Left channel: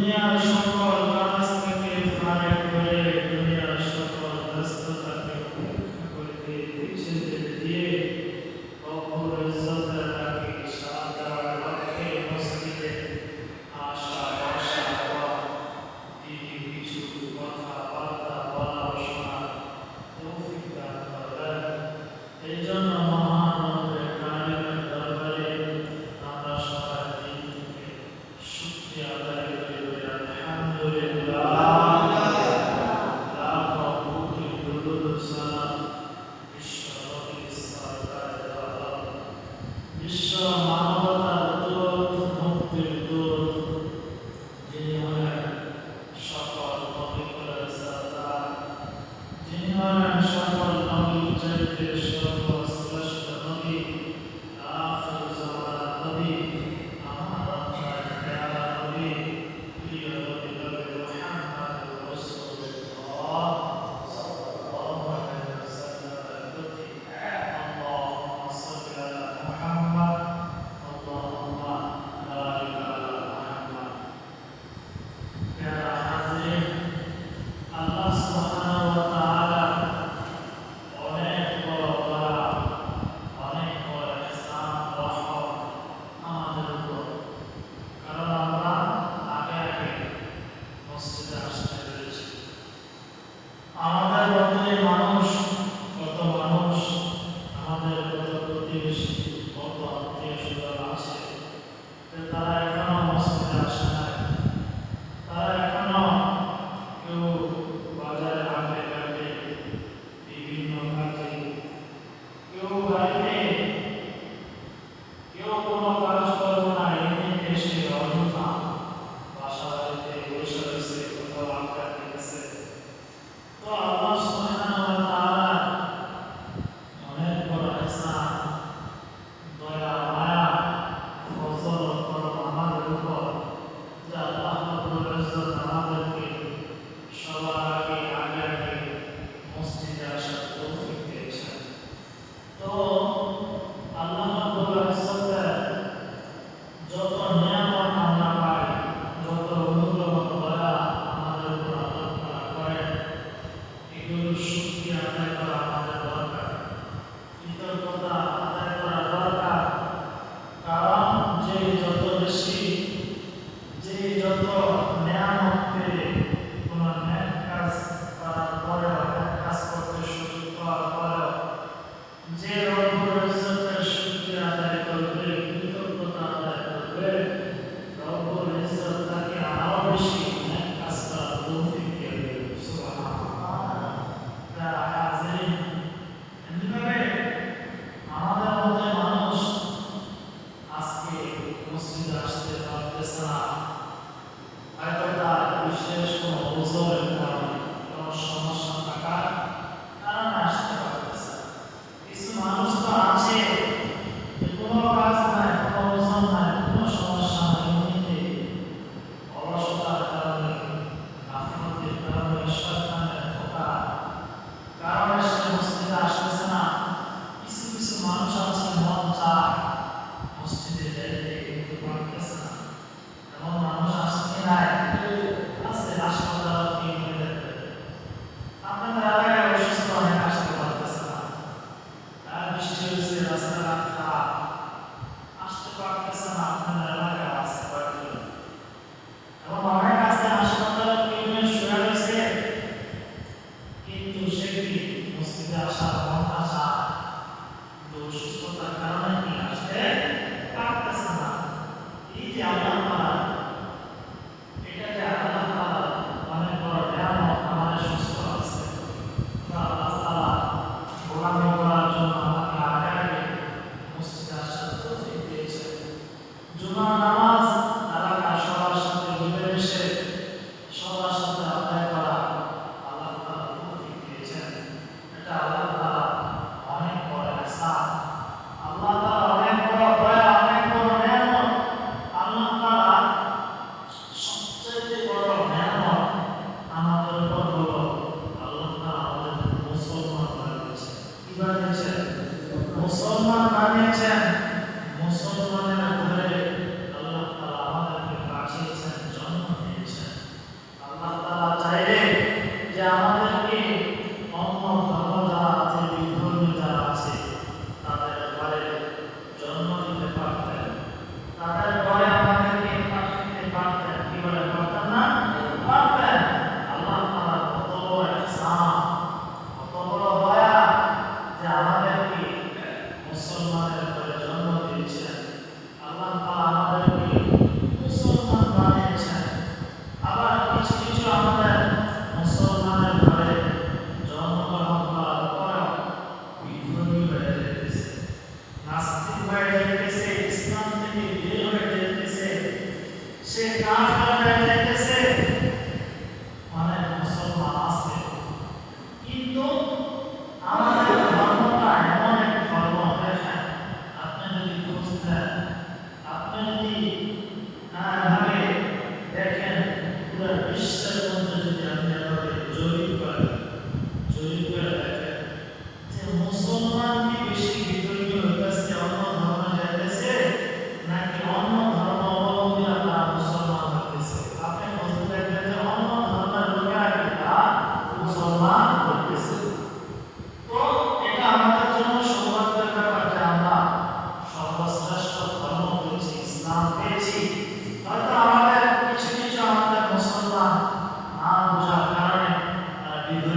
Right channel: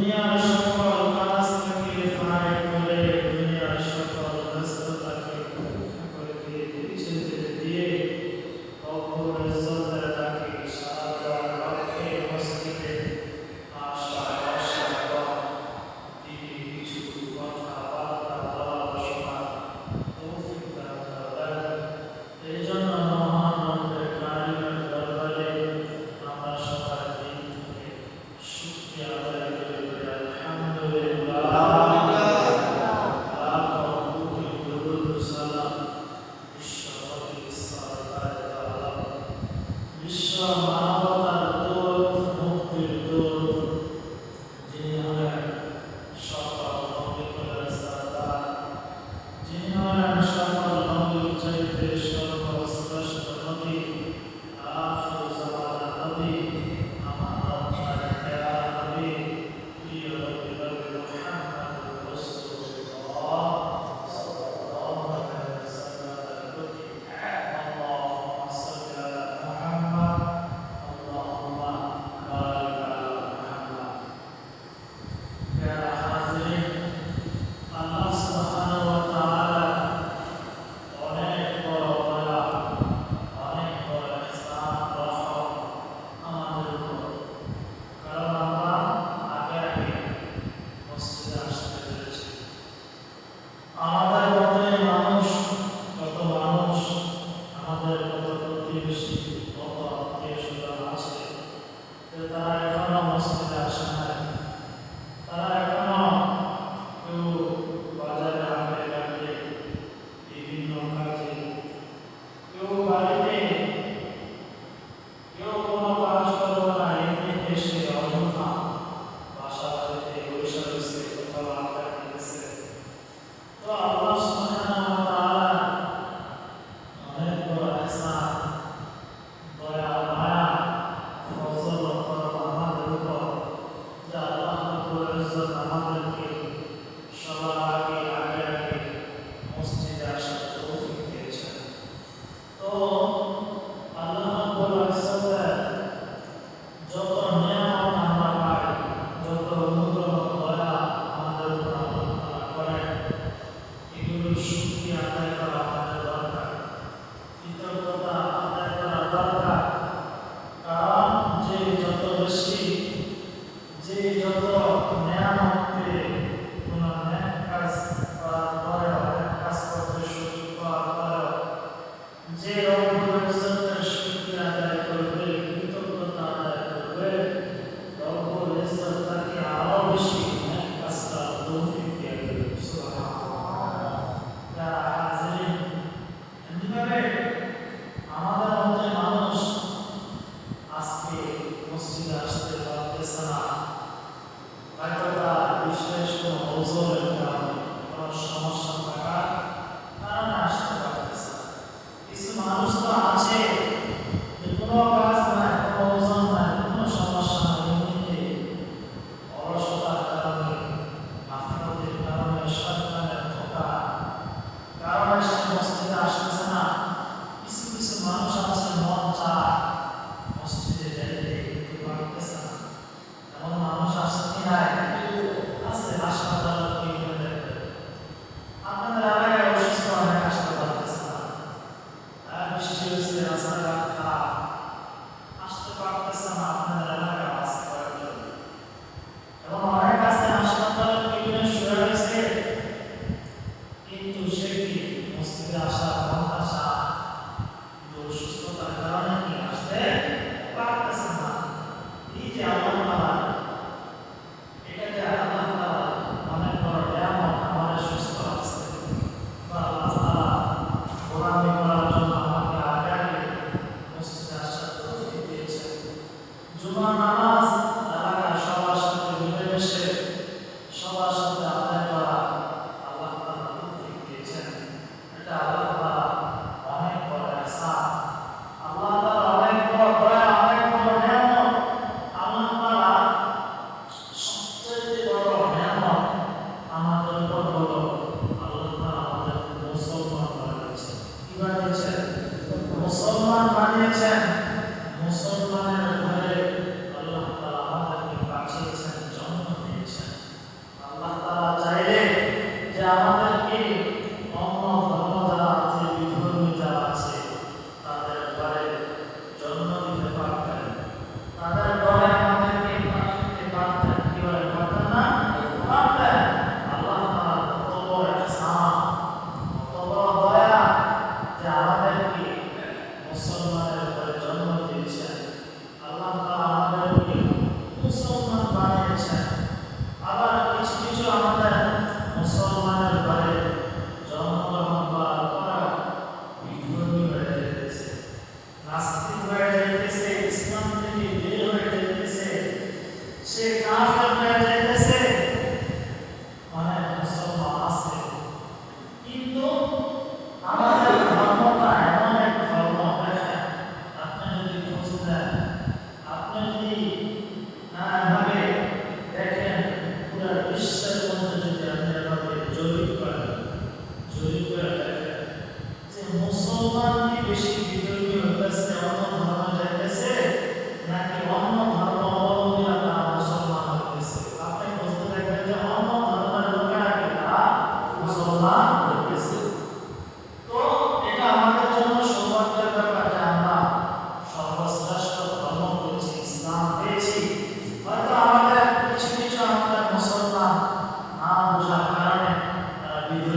দুনিয়ার সকল কাজ থেকে ফারেক হয়ে দুনিয়ার সকল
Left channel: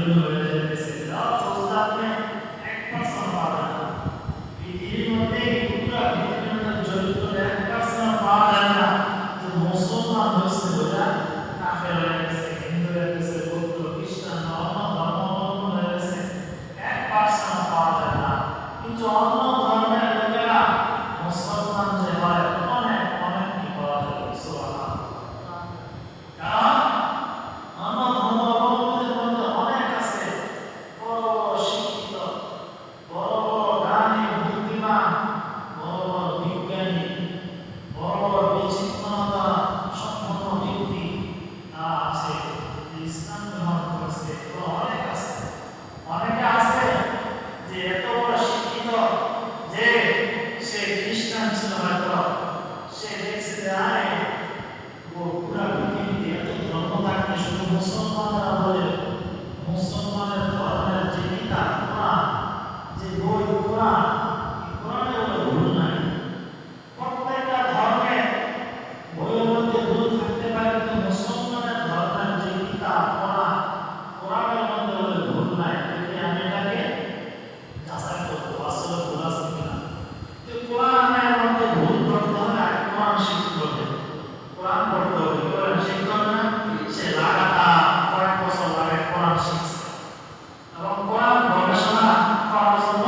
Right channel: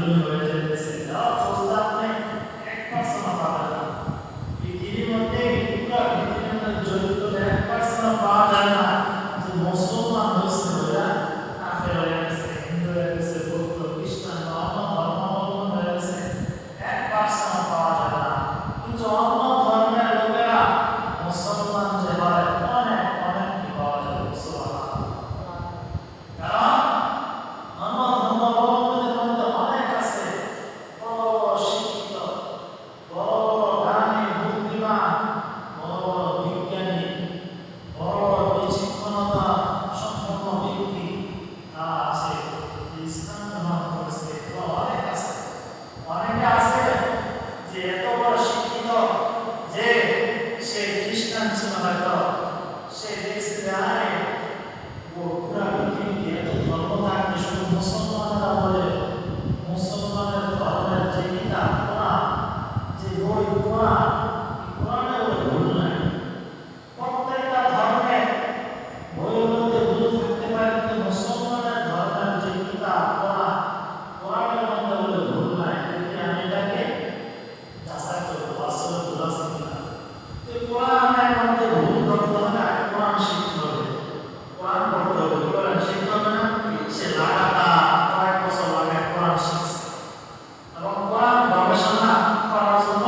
জরুরি হয়ে যেতেছে, যা চলতে আপনি 1% পাবেন না। পৃথিবীর মধ্যে পুরো পৃথিবীর মধ্যে জড়িত 1% পাওয়া যায় না যে মুসলমান হয়েছে বলে কাফের হয়ে গেছে, হিন্দু হয়ে গেছে, বৌদ্ধ, খ্রিস্টান, অন্য ধর্মাবলম্বন হয়ে গেছে, 1% পাওয়া যায় না। কিন্তু অন্য ধর্মের লোকেরা মুসলমান যে হয় অনেক অনেক কি পাওয়া যায়, সুবহানাল্লাহ। কারণ অন্য ধর্মাবলম্বীদের মধ্যে অনেক আছে বড় বড় শিক্ষিত, বড় বড় জ্ঞানী, বুদ্ধিমান, বড় বড় বিজ্ঞানী, বড় বড় বিচক্ষণতা সম্পন্ন ব্যক্তি তারা আছে, যে ইসলাম গ্রহণ করেছে, এগুলো অনেক আছে। অনেকে আছে যে এত বড় শিক্ষিত যে সে খ্রিস্টান ছিল, হয়তো সে দেখছে যে আরে পুরা পৃথিবীতে এত ধর্ম থাকতে শুধু মুসলমানরা বলে মুসলমানের ধর্মের যে কিতাব কোরআন, যে বই কোরআন, কোরআনে বলে ভুল নাই। প্রত্যেকটা ধর্মের বইয়ের মধ্যে ভুল থাকতে পারে, কিন্তু মুসলমানের ধর্মের যে কিতাব কোরআন, কোরআনের মধ্যে বলে ভুল নাই। দেখি আমি এটাকে যাচাই করবো আসলে ভুল আছে কিনা। তো কোরআনের মধ্যে ভুল করতে হলে কোরআন শিখতে হবে, কোরআন পড়তে হবে। কোরআন শিখতে হবে না, সে লাগাতার কয়েক বছর লাগে কোরআন শিখছে, এবং কোরআন গবেষণা করার জন্য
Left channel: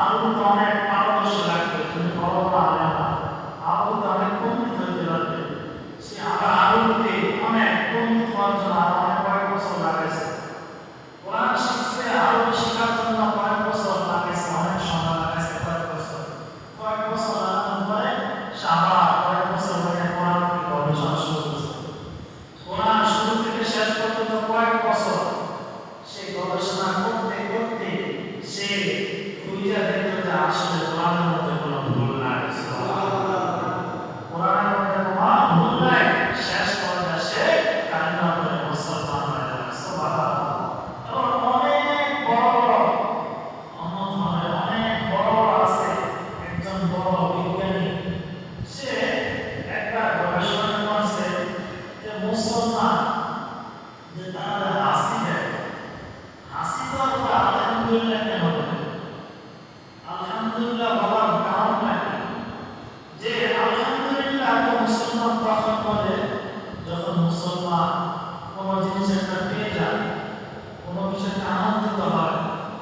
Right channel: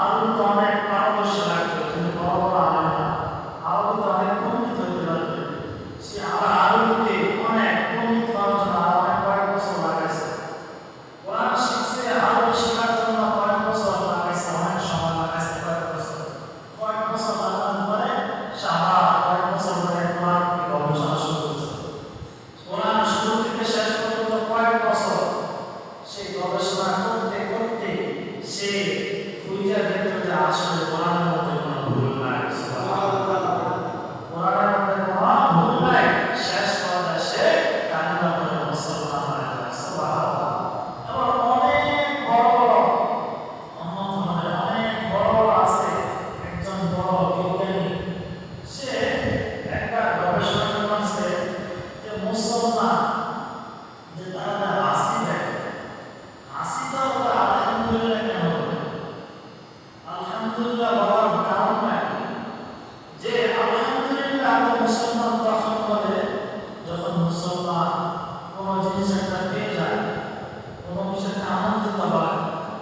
আরবিতে অনেক পারদর্শী লাগবে। তুমি বড় বড় আলেম না, আরবিতে অনেক পণ্ডিত হইতে লাগবে। সে আবার আরবিতে অনেক পণ্ডিত হওয়ার জন্য আরো অনেক কয়েক বছর লাগাইছে। কোরআন শিখছে, আরবি শেখার জন্য কয়েক বছর লাগাইছে, অনেক সময় লাগাইছে, কয়েক বছর। কয়েক বছর লাগানোর পরে সে আবার কয়েক বছর ধরে কোরআন গবেষণা শুরু করেছে। কোরআন শুরু থেকে শেষ পর্যন্ত কয়েক বছর সেই গবেষণা করতে করতে সে খুঁজে দেখলো যে আসলে কোরআনের মধ্যে কোনো ভুল নাই, সুবহানাল্লাহ। কোরআনের মধ্যে কোনো ভুল নাই, শেষ পর্যায়ে সে কালিমা পড়ে মুসলমান হয়ে যায়, সুবহানাল্লাহ। আবার অনেক বড় বড় অন্য ধর্মের অনেক বড় বড় আছে, একজন বড় বিজ্ঞানী, সে একটা গবেষণা করছে যে মুসলমান যে তারা হাসি দেয়, হাসি দেওয়া আলহামদুলিল্লাহ কেন বলে? আলহামদুলিল্লাহ বলার কারণটা কি? যে আলহামদুলিল্লাহ একটা মুসলমান তখন বলে যখন মুসলমান কোনো জিনিস একটা পেয়ে যায়, কোনো কিছু একটা আনন্দিত হয়,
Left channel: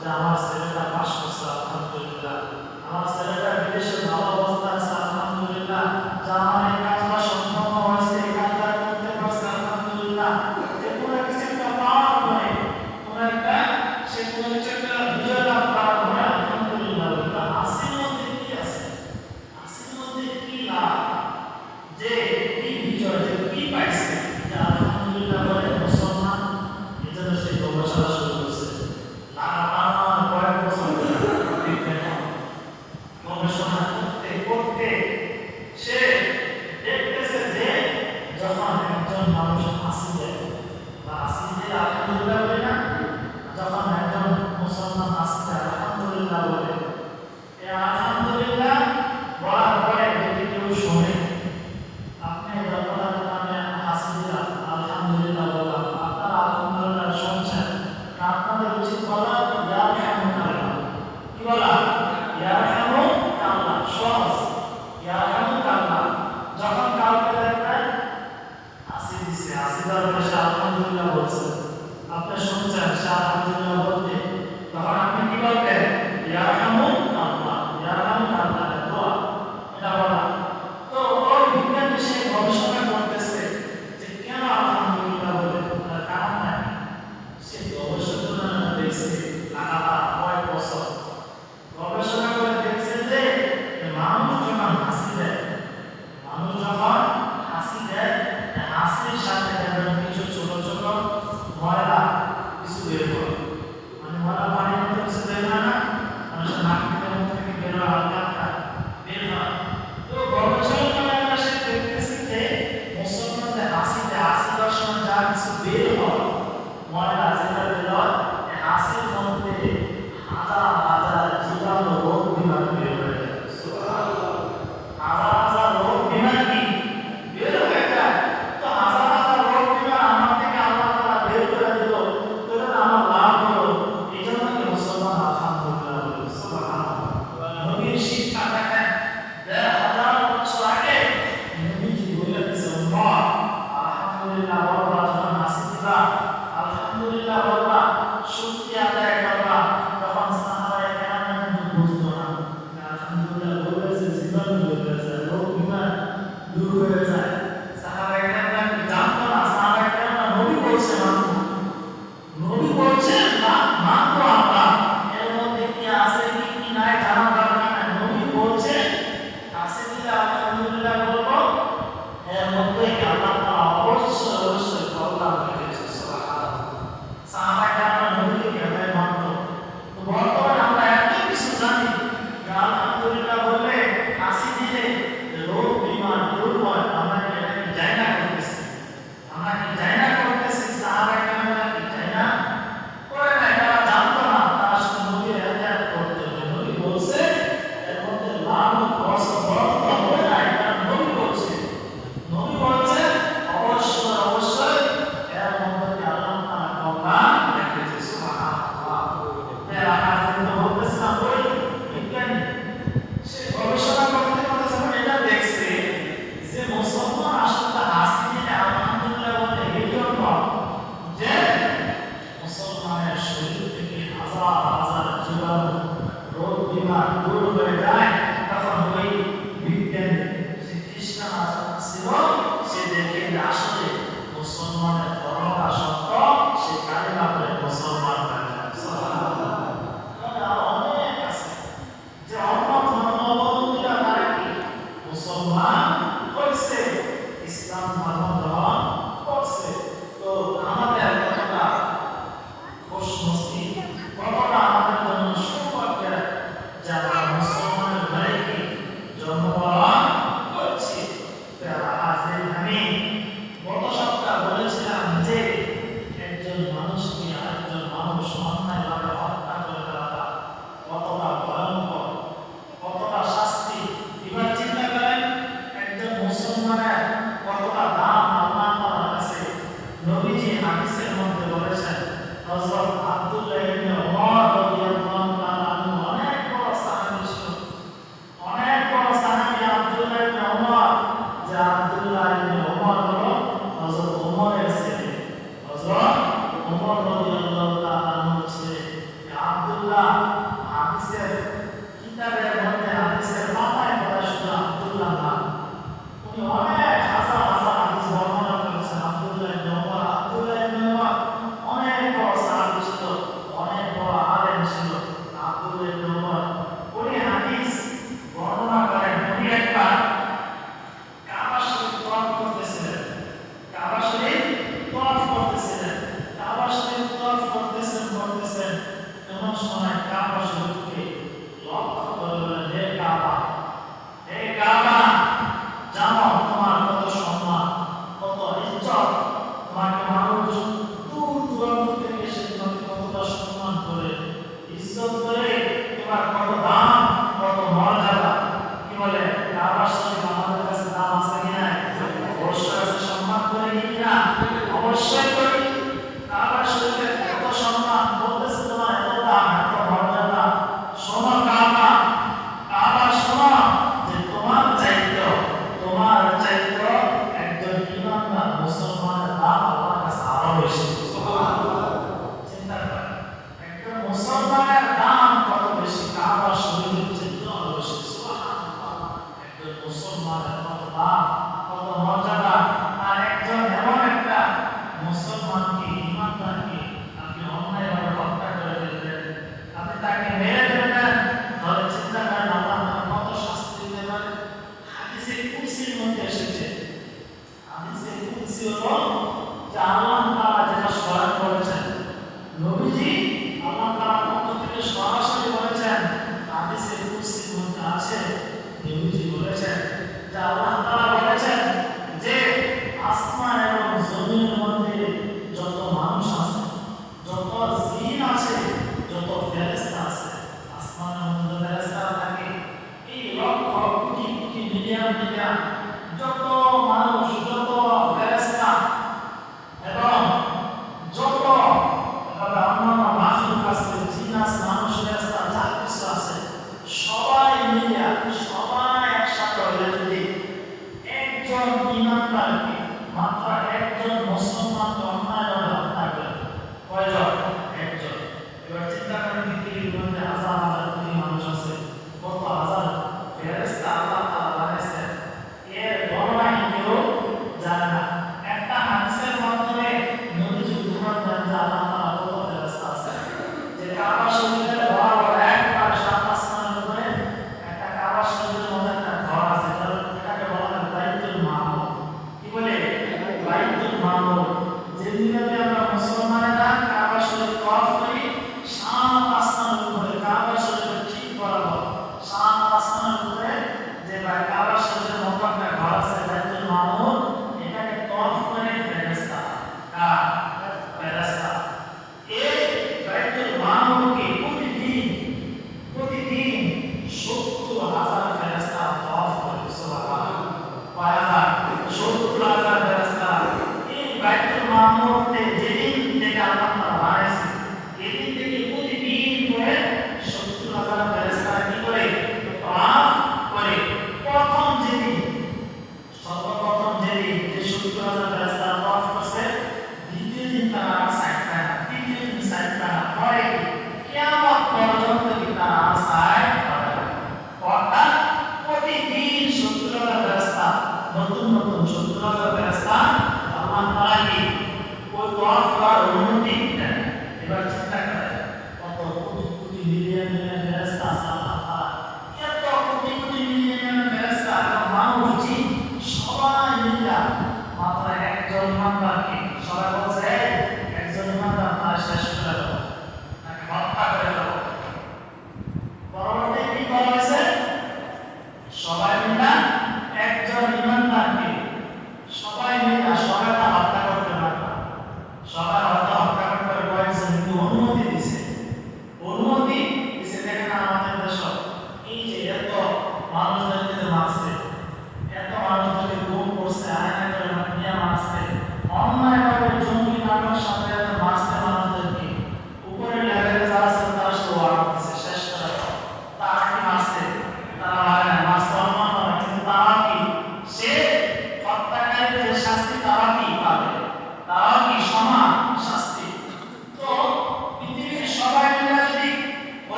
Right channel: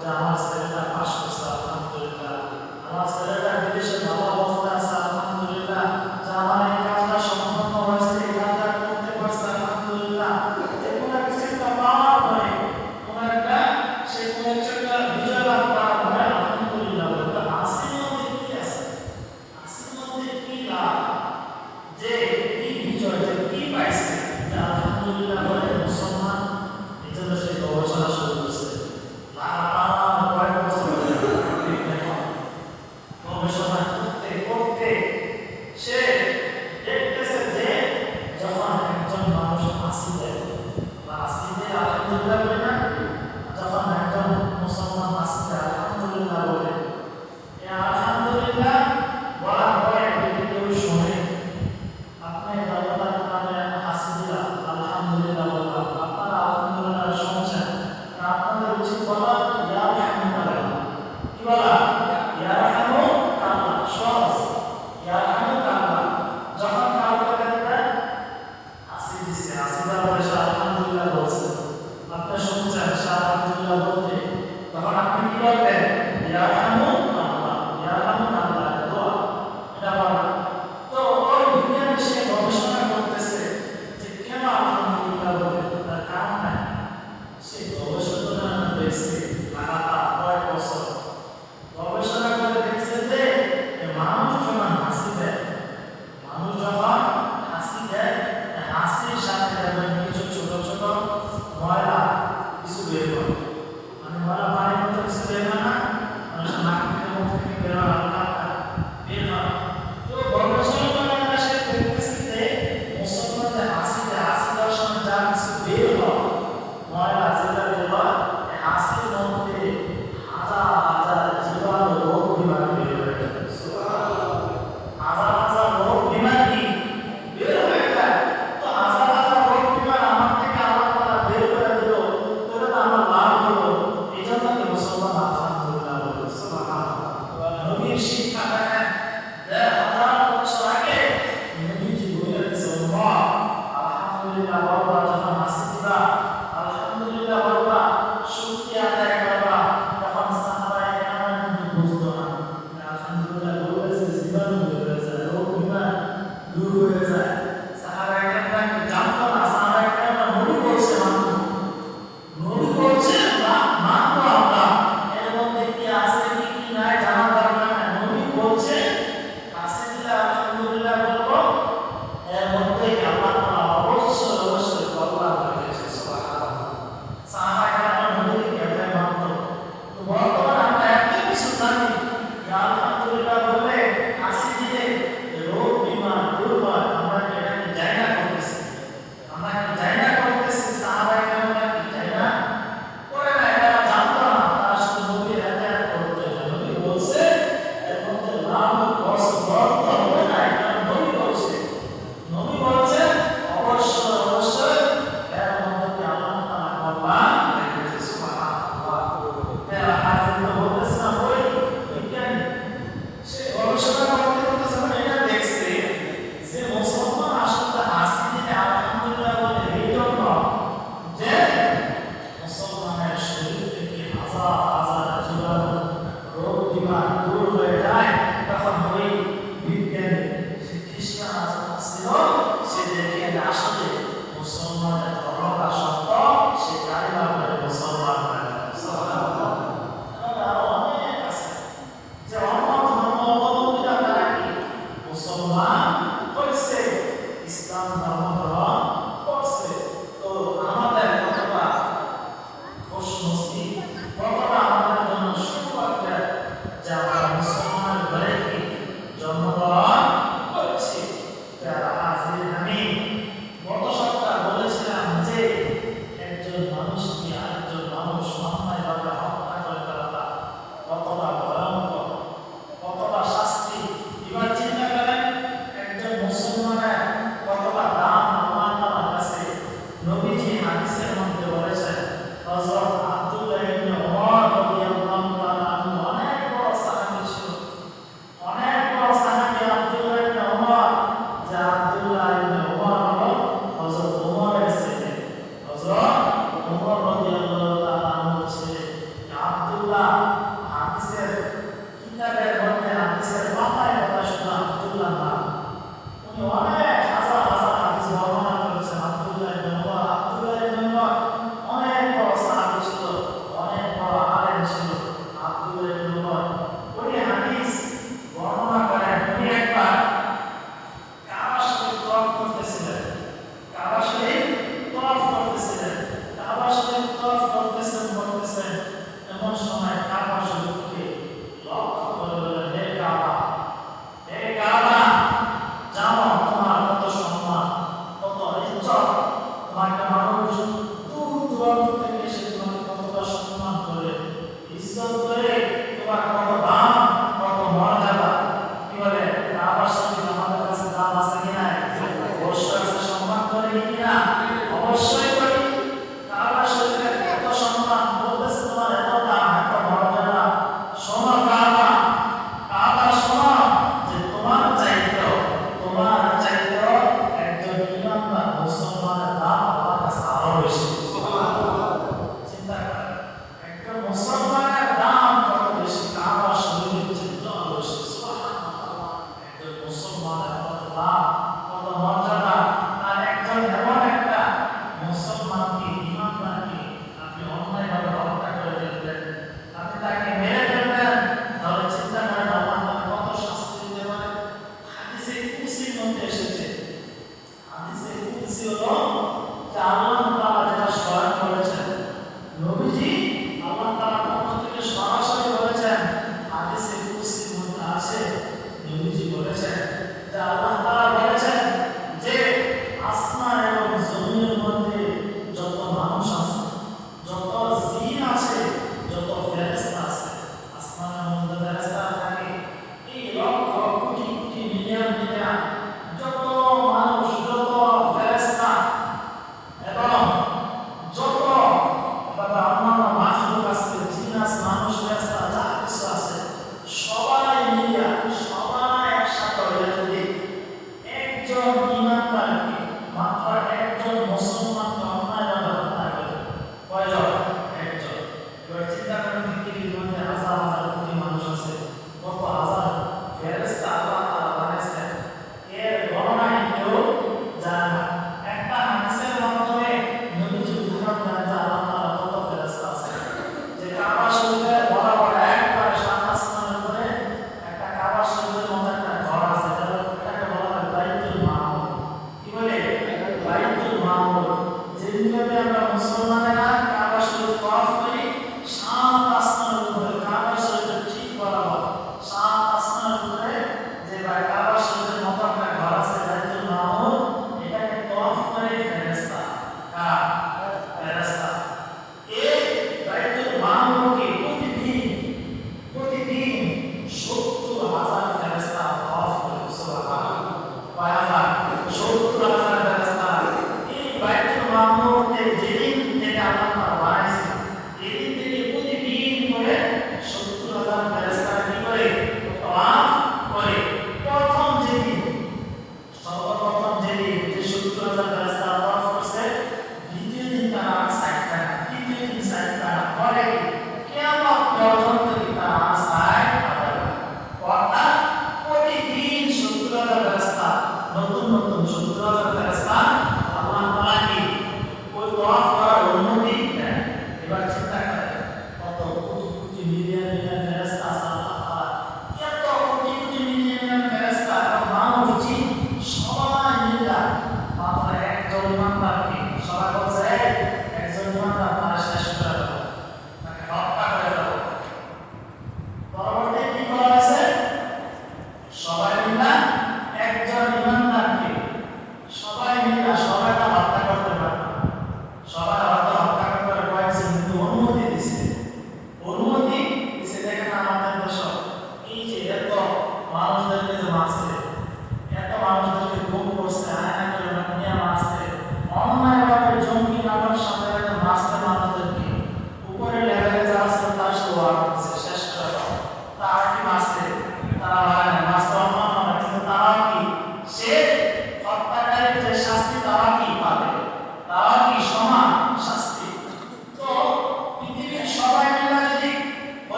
যে আমার ছেলেটা পাস করছে আলহামদুলিল্লাহ, আমার ছেলেটা বিদেশে ভালো অবস্থা আছে আলহামদুলিল্লাহ, যে আমার এই কাজটা সম্পন্ন হয়েছে, এই কাজটা করতে পারছে আলহামদুলিল্লাহ। যে কোনো কিছু একটা পাওয়ার পরে, কোনো একটা সে কোনো কিছু একটা বিজয় লাভ করার পরে আলহামদুলিল্লাহ বলে। তো হাসির মধ্যে কি আছে? হাসির মধ্যে কি লাভ, যে কি বিজয়, যে কি পাইছে, যে আলহামদুলিল্লাহ বলে মুসলমান। এই জন্য সে গবেষণা শুরু করছে, লাগাতার কয়েক বছর ধরে গবেষণা করতে করতে সে দেখতেছে যে যখন একজন মানুষ হাসি দেয় বা হাসি দিয়ে আলহামদুলিল্লাহ বলে না, যখন একজন মুসলমান হাসি দেয় আলহামদুলিল্লাহ বলে, এই আলহামদুলিল্লাহ বলার পরে যদি কেউ শোনে, আপনি রমজান নামে হাসি দিলাম, আলহামদুলিল্লাহ বললাম, আপনারা আলহামদুলিল্লাহ শুনছেন, আপনাদের উচিত বলা ইয়া রাহমাতুল্লাহ। কি বলা? ইয়া রাহমাতুল্লাহ। সহজ, ইয়া রাহমাতুল্লাহ। যখন কাউকে দেখবেন হাসি দিছে, হাসি দেওয়ার পরে সে আলহামদুলিল্লাহ বলছে, আপনি শুনছেন সে আলহামদুলিল্লাহ বলতে, তখন আপনি কি বলবেন? ইয়া রাহমাতুল্লাহ, ইয়া রাহমাতুল্লাহ, দোয়া, এটা বলা। তো ওই বিজ্ঞান বিষয়ে গবেষণা করতেছে যে কেন আলহামদুলিল্লাহ বলে, তার কারণ নাই। সে গবেষণা দেখছে লাগাতার কয়েক বছর, গবেষণা করে দেখছে যে মানুষ যখন হাসি দেয়, মানুষ যখন হাসি দেয়, হাসির সাথে দেখবেন কিছু ছোট ছোট ময়লা কিছু বের করে, মানে ময়লা পানির মধ্যে কিছু বের হয় না, মানুষের নাক থেকে মুখ থেকে বের হয়, হালকা বের হয়। তো গবেষণা করে একটা সে দেখতেছে যে মুসলমানদের হাসিতে, হাসি দেওয়ার সময় যা কিছু বের হয়, ময়লা যেটা বের হয়, হাসির মধ্যে হাজার হাজার জীবাণু রোগ বিমারি বের হয়ে যায়, সুবহানাল্লাহ। হাজার হাজার রোগ বিমারি বের হয়ে যায়। তো হাজার হাজার রোগ বিমারি আমার থেকে আল্লাহ তাআলা বের করে দিল, তো এটা আমার লাভ মশা আজার জীবাণু রোগ বিমার দূর হয়ে যায়, তখন ওই বিজ্ঞানী সে খ্রিস্টান ছিল, সে দেখে আসলে মুসলমানের ধর্মটা সত্য, সে কালিমা পড়ে মুসলমান হয়ে যায়। সুবহানাল্লাহ। আরো অনেক আছে যে অন্য ধর্মাবলম্বীরা তারা কি মুসলমান হয়েছে, ইসলাম ধর্ম গ্রহণ করছে। তো আমাদের কতটা খুশনসিব, কতটা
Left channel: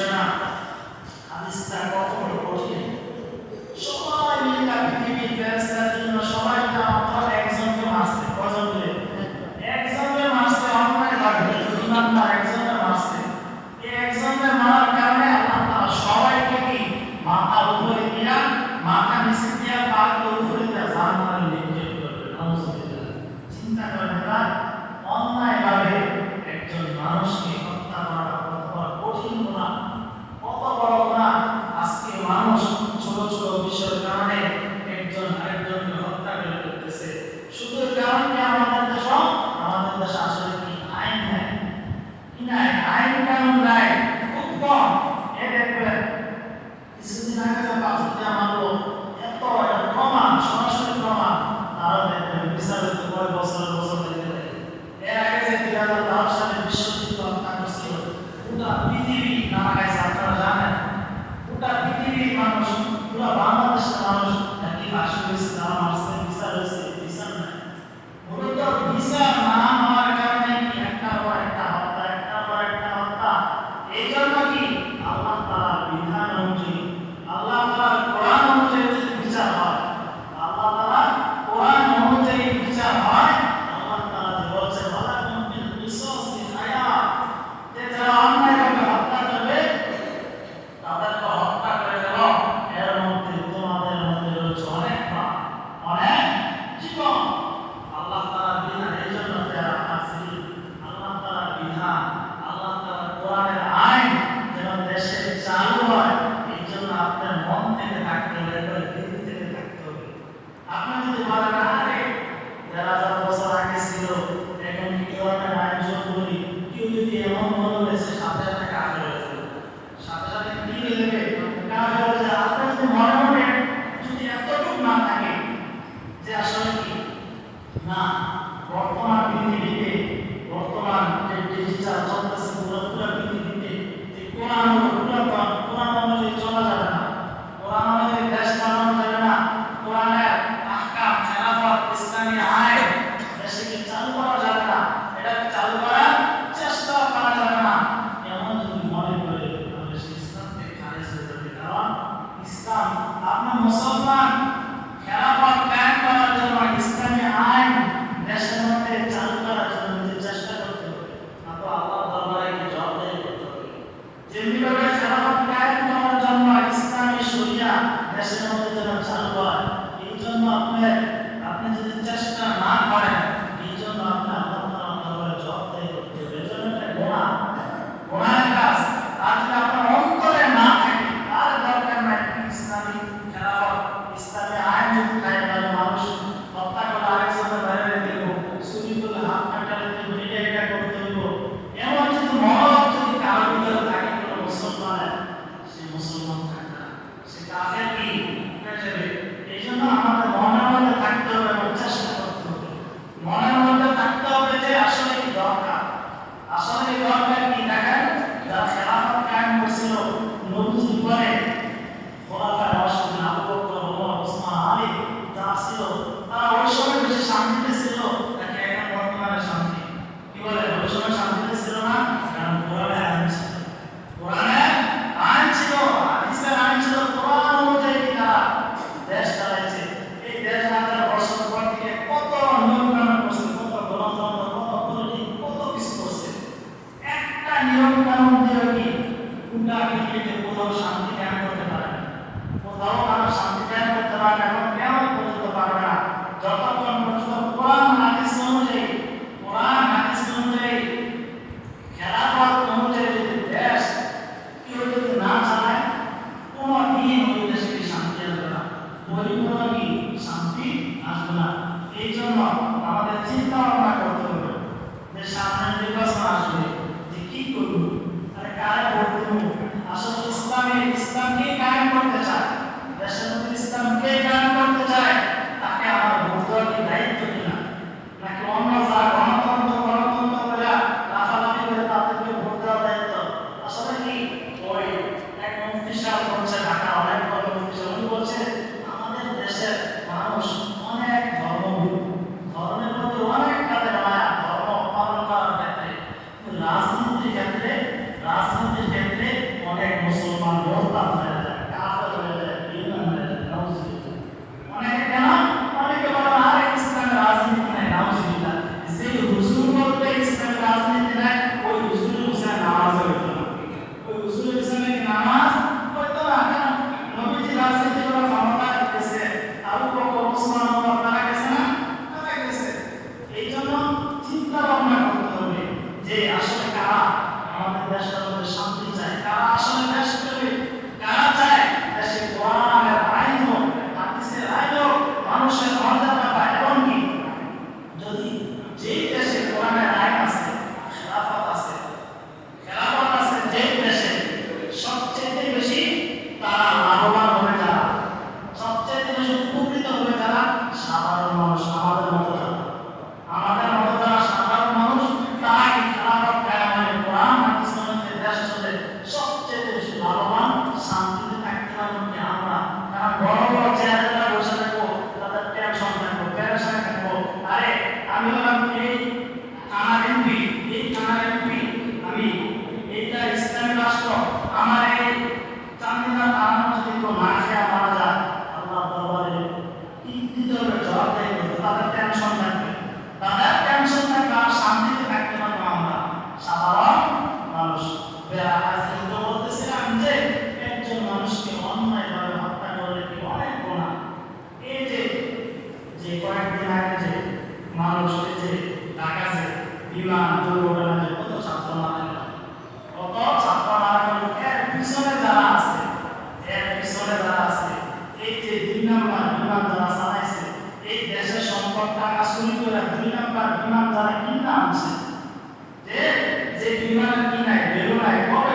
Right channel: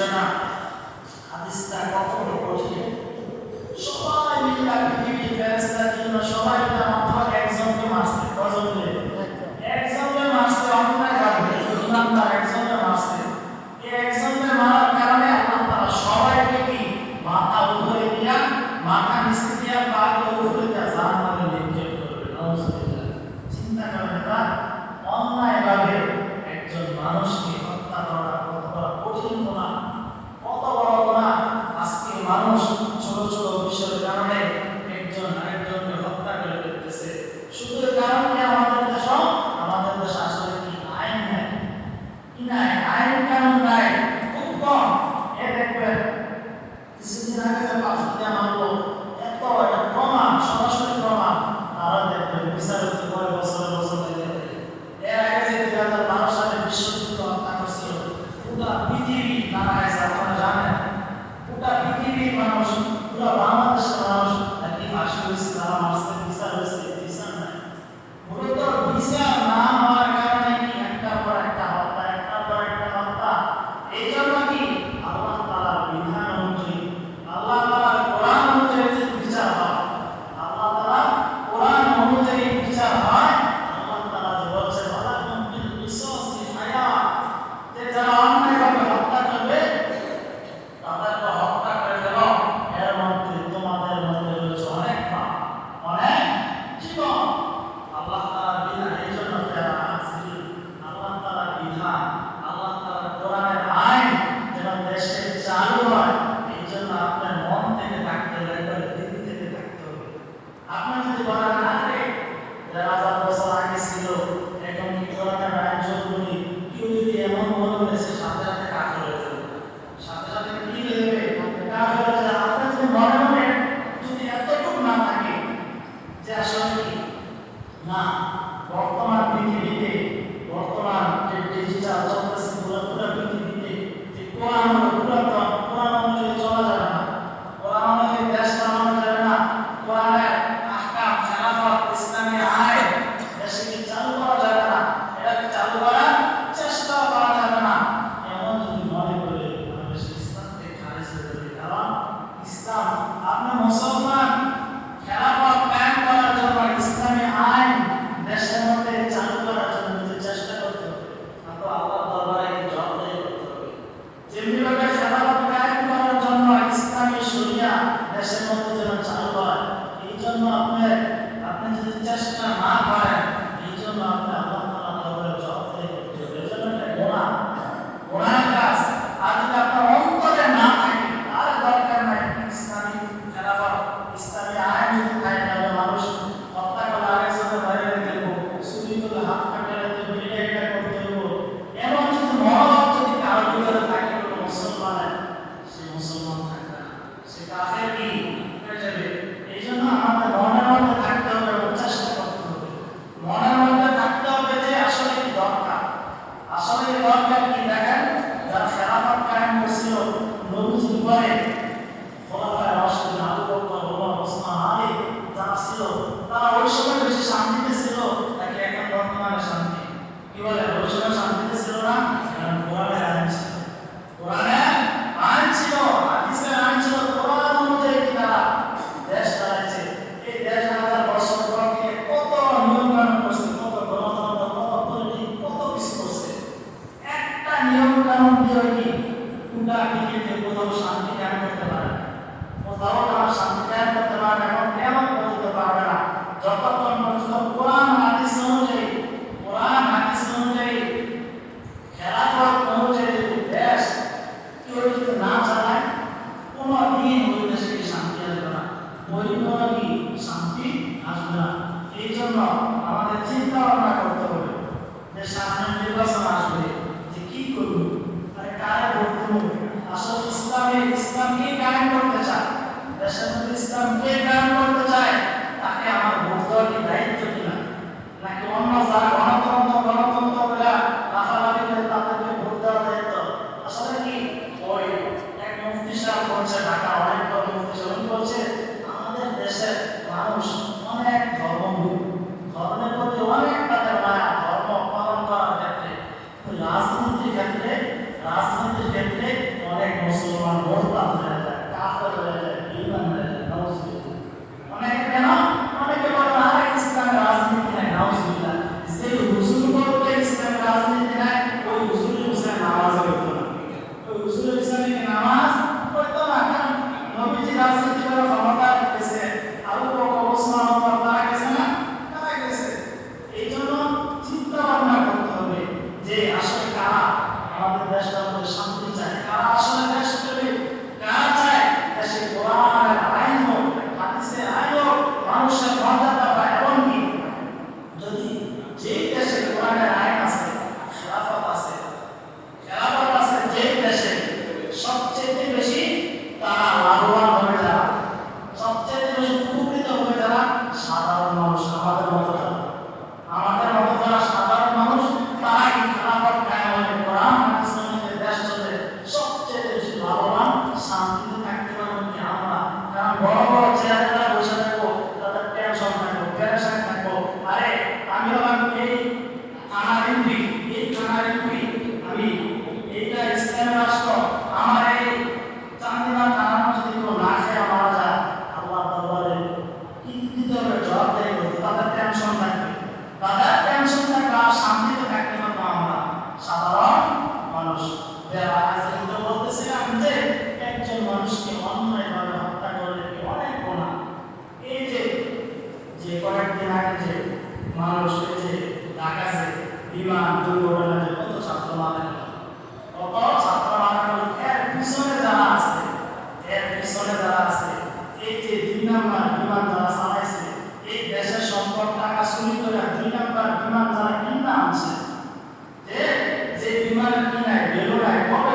বিষয় না। হাদিসটা কখনো কঠিন। সবাই মিলে পৃথিবীর ফেরেশতা জিন্ন সবাই মাত্র একজনকে মারছে। কজন মিলে? একজনকে মারছে অন্যায়ভাবে। যখন আপনার একজনকে মারছে, এই একজনকে মারার কারণে আল্লাহ তাআলা সবাইকে কি মাথা উপরে দিয়া, মাথা নিচে দিয়া, পাকে উপরে দিয়া জাহান্নামে নিক্ষেপ করবে। নাউযুবিল্লাহ। চিন্তা করেন না, অন্যায়ভাবে একজন মানুষকে হত্যা করাটা কত বড় কঠিন গুনাহ, কত বড় গুনাহ। আজকে মানুষ ছোট ছোট বিষয়ের কারণে একজন আরেকজনকে হত্যা করে ফেলতেছে। শুধু কারণ কি আমাদের দেশে আসলে কি আইন নাই? কি নাই? আইন কানুন নাই, খুব কম। এ দেখবেন কিছুদিন আগে যে পাঁচটা মারলো, এত এটা প্রমাণ, সরাসরি প্রমাণ। তারা দেখবেন বিচারের উপরে বছরের বছর লেগে থাকে। এর আগে যে 2012 সালে বিশ্বযুদ্ধ হত্যা করছিল, পুরা পৃথিবী না খাইছে, আপনারা জানেন। পুরা পৃথিবীর মানুষ, পুরা বাংলাদেশের মানুষ নাকি ফাঁসি হয়েছে, তারা মারছে, বিচার হয়েছে, বিচার নাই। মূলত বিচার না হওয়ার কারণে কি একটার পর একটা হত্যা, একটার পর একটা হত্যা। এই জন্য কি আল্লাহ তাআলার বিধান অনুযায়ী, আল্লাহ তাআলার কোরআন অনুযায়ী যদি বিচার হয়, আল্লাহ তাআলার কোরআন অনুযায়ী বিচার হয়, আল্লাহ তাআলা যে বলছেন ওয়ালাকুম ফিল কিসাসি হায়াত, যে যারা অন্যায়ভাবে হত্যা করবে তাদেরকে হত্যা করে দেব, এর মধ্যে তোমাদের মধ্যে রয়েছে অনেক প্রাণ, অনেক জীবন। আল্লাহ তাআলার বিধান। এই জন্য আল্লাহ তাআলার বিধান, আল্লাহ তাআলার কোরআনের আইন যেন দেশে চালু হয়, এই জন্য আপনার মন থেকে থাকতে হবে, একবার দিল থেকে থাকতে হবে। আপনি যদি বলেন আরে 1000 বছর আগে ছিল, এখন কি কোরআনের আইন চলবে, কেউ যদি এমন বলবে সে সাথে সাথে কাফের হয়ে যাবে, সাথে সাথে কি হয়ে যাবে? কাফের হয়ে যাবে। আপনার যদি মনে মনে যদি এতটুকু না থাকে যে আসলে কি না, বর্তমান পৃথিবীতে, বর্তমান যে ডিজিটাল চলতেছে পুরো পৃথিবীতে, যে কোরআন অনুযায়ী চলা যাবে না, কোরআন অনুযায়ী দেশ চালানো যাবে না, কোরআনের আহকাম, খেলাফত, ইসলামী আইন দেশে চালু করা যাবে না, এটা চালু করার চেষ্টা করা যাবে না, এমন যদি মনে করে তাহলে সে ইসলামকে খারিজ করে দেবে। কারণ ইসলাম, আপনি মুসলমান, খেলাফত কায়েম করার জন্য, ইসলামী আইন দেশের মধ্যে চালু করার জন্য নিজের চেষ্টা করতে হবে, না তো আল্লাহর দরবারে জবাবদিহি করতে হবে। যেমনিভাবে খেলাফত কায়েম করার জন্য ইসলামী শরিয়া দেশের মধ্যে যেন চালু হয়, এই জন্য আপনি যদি চেষ্টা না করেন, এই জন্য আপনি আল্লাহ তাআলার দরবারে জবাবদিহি করতে হবে। এই জন্য এটা গুনাহের কাজ। আর যদি আপনার অন্তরে না থাকে, তার দরকার নাই ইসলামী খেলাফত, ইসলামী আইন যদি কায়েম হয়, মানুষ হত্যা করলে আরেকজনের বাইরে রেখে দেবো, চুরি করলে হাত কাটালে দেবো, এটা করতে দেবো, এমন যদি মনোভাব যদি কারোর ভিতরে থাকে, কোনো মুসলমানের, সে মুসলমান থাকবে না, সে কাফের কি হয়ে যাবে। এই জন্য আমাদের মনের মধ্যে থাকতে হবে এবং চেষ্টা করতে হবে। মনের মধ্যে থাকতে হবে যে আসলে কি দরকার, আসলে এই দরকার কি। দেখেন যারা খেলাফত কায়েম করছিল নবীজির পরে, খোলাফায়ে রাশিদিন আবু বকর, ওমর, ওসমান, আলী যারা ছিল, তারা ওই সময় বেশি শান্তিতে ছিল নাকি এখন বর্তমানে শান্তি? কি বলে, ওই সময় শান্তিতে ছিল না? কারণ কোরআনের আইন ছিল, কোরআনের আইন ছিল, হাদিসের আইন ছিল, কোরআন অনুযায়ী তারা দেশ চালাইছে। এই দেশ 1000 বছর পর থেকে কত নিয়ম কানুন করছে, কত গণতন্ত্র, কত পলিটিক, কত কিছু করছে। একটা নিয়ম কানুন দিয়ে কি পুরা পৃথিবীতে কোথাও শান্তি কায়েম করতে পারে না, কোথাও তারা শান্তি কায়েম করতে পারে না, এবং কেমন করতে পারবে না যতক্ষণ পর্যন্ত কোরআন হাদিস অনুযায়ী, কোরআন হাদিস অনুযায়ী, খেলাফত অনুযায়ী যদি দেশ কেউ যদি না চালায়, কোনো দিন ওই দেশে কি শান্তি আসবে না, ওই কোনো কি শান্তি আসবে না। এই জন্য আমাদের চিন্তা ভাবনা করতে হবে যে সামনে নির্বাচন আসবে, যে কি করব, আরে কারে ভোট দেব, আসলে ইসলামকে কায়েম করতে চায়, দেশের মধ্যে ইসলামকে কায়েম করতে চায়, তাকে আমার ভোট দেওয়ার কি দায়িত্ব কিনা, নাকি অন্য যারা গণতন্ত্র করে লাফালাফি করে তাদেরকে ভোট দেওয়ার দায়িত্ব। আসলে কি ওই এক মুফতি সাহেব বলছে, ঢাকা অনেক বড় মুফতি সাহেব বলছে, আমাদের দেশের মানুষ অনেক ধর্মভীরু, ধর্মের প্রতি অনেক তাদের মায়া, ধর্ম পালন করার ক্ষেত্রে, রাজনীতির ক্ষেত্রে যে একজন মানুষকে অন্যায়ভাবে হত্যা করলে কি অনেক গুনাহ। এই যে যে কয়েকদিন আগে যে মানুষ এই যে ঢাকাতে বিমান দুর্ঘটনা যে কত ছাত্র মারা গেল, কত ছাত্র মারা গেল, এর পিছনে যারা আছে, এর পিছনে যারা আছে, এই যে 2 নাম্বার বিমান যারা চালাইছে, এই দেশের সম্পদ টাকা চুরি করে 2 নাম্বার বিমান যারা কিনা আনছে, যে যে বিমানের কি নাই বেরো নাই কবে